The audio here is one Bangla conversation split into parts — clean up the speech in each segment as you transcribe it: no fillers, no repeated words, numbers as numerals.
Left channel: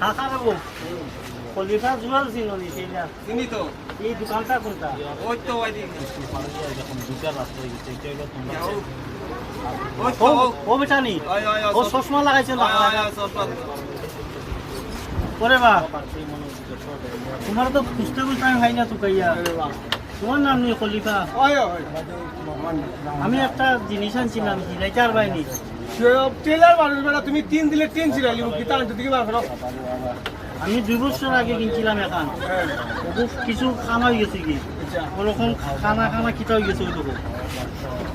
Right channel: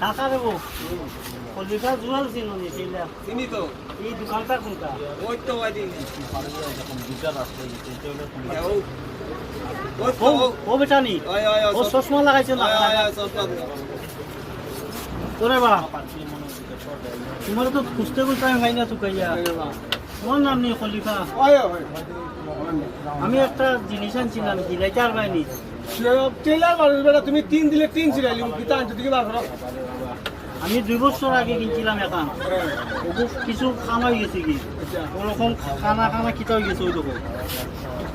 কাকা দেবো খলিফা জুয়াল চিনি সেইটা চিনি তো এই দোকানটা কোনটা ওই তো ওই দিকে যখন দুইটা রাস্তা গেছে এটা হলো ওই তো ও বেটানি ওই ওই ও চশমা লাগাইছে না ওরে বা তোমার তো খুঁজতে খুঁজতে আমি খাই না চুকাইয়া তোমার নাম নেই খলিফা ওই ওই আমি একটা জিনিস আনছিলাম জিনাইকার বাইনি টেলার মানুষ বেটা তুমি 3 দিলে 3 ছিড়াইলি কিতা আনতে দিকে বার করো আমি 2 বছর আগে কিনছিলাম এখন কিছু খানা হয়ে গেছে কি ওরকম খানা খানা কিতা হয়ে গেছে ওই রকম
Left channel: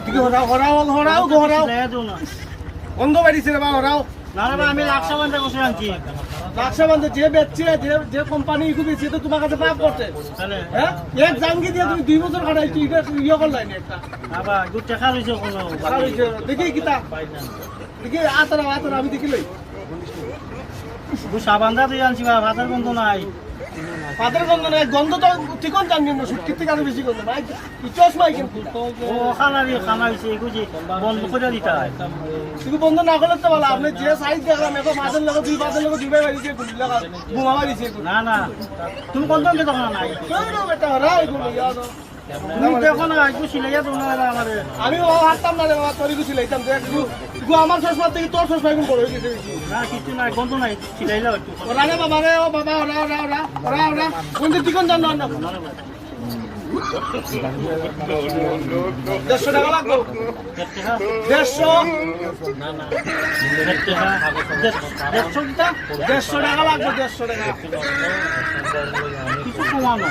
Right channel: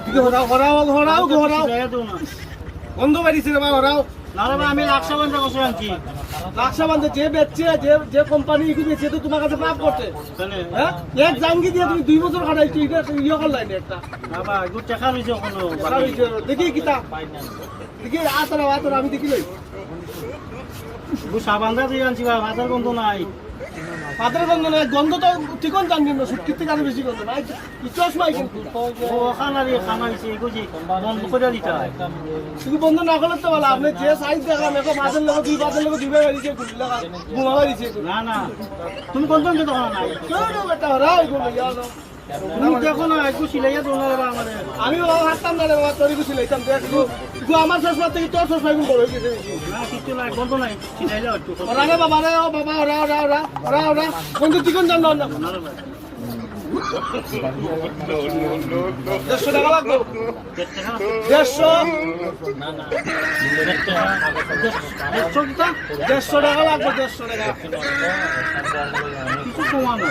ঠিক হরাও হরাও হরাও হরাও না বন্ধ বাড়িছে রে বাবা হরাও না রে আমি লাক্সা বান্ধা বসে আনছি লাক্সা বান্ধে যে বেচছে যে কোম্পানি ইগু বেচছে তো তোমার কাছে পাপ করছে হ্যাঁ এক জাঙ্গি দিয়ে তুমি 2 বছর খাটাইছো এটা ইয়ে করলাই না একটা বাবা গো টাকা লইছো কোনো দেখি কিতা দেখি আতরা আমি দেখি লই গো সাবান্ধা দিয়ে আনছি বাবা ভাতার গন্ধ নাই পাতের গন্ধ না গন্ধ তো ঠিকন জানি না সুটকি থেকে আরো বেশি গন্ধ ভাই ইচস মাই কিন্তু ও খানা হইছে এগো যে বন্ধ করে দিতা তুমি বন্ধ না করলে তো ভালো আপনি যে সাইজ দেখান এখন মাছের লোক দুই পাতের লোক দুইবার বাড়িছে লাগা বোমা বাড়িছে না না তুমি কোন কোন দোকান নাই কেন বেটা হরাও এগুলো ইয়াদ তুমি দেখো না একটু সিলাইয়া দোনো বাবা আমাদের আমি বাবা হাঁটতাম না রে বাবা তোর কিছু লাইতাম দেখ তুই আমার সসপা থেকে তোর সসপা গুণ বড় হয়ে গেছে না কিছু নাই গন্ধ নাই সিলাইলেও একটু ওরা রে বাবা রে ও বাবা ওরা কোন দিকন জানো না 150 টাকা লাগবে 150 না না 150 টাকা লাগবে 150 টাকা কিছু কমানো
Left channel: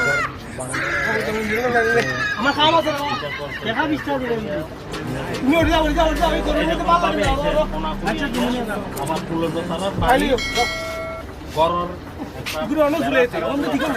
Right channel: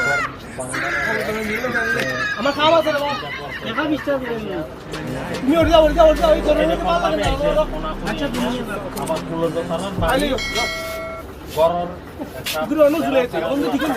আমার খাওয়া আছে দেখা বিশ্বাস দিবেন তুমি ওটা ওই করে আচ্ছা তুমি আবার কুলো দোকানের খাইলি গরর গুরু অনুসুলে অন্য দিকে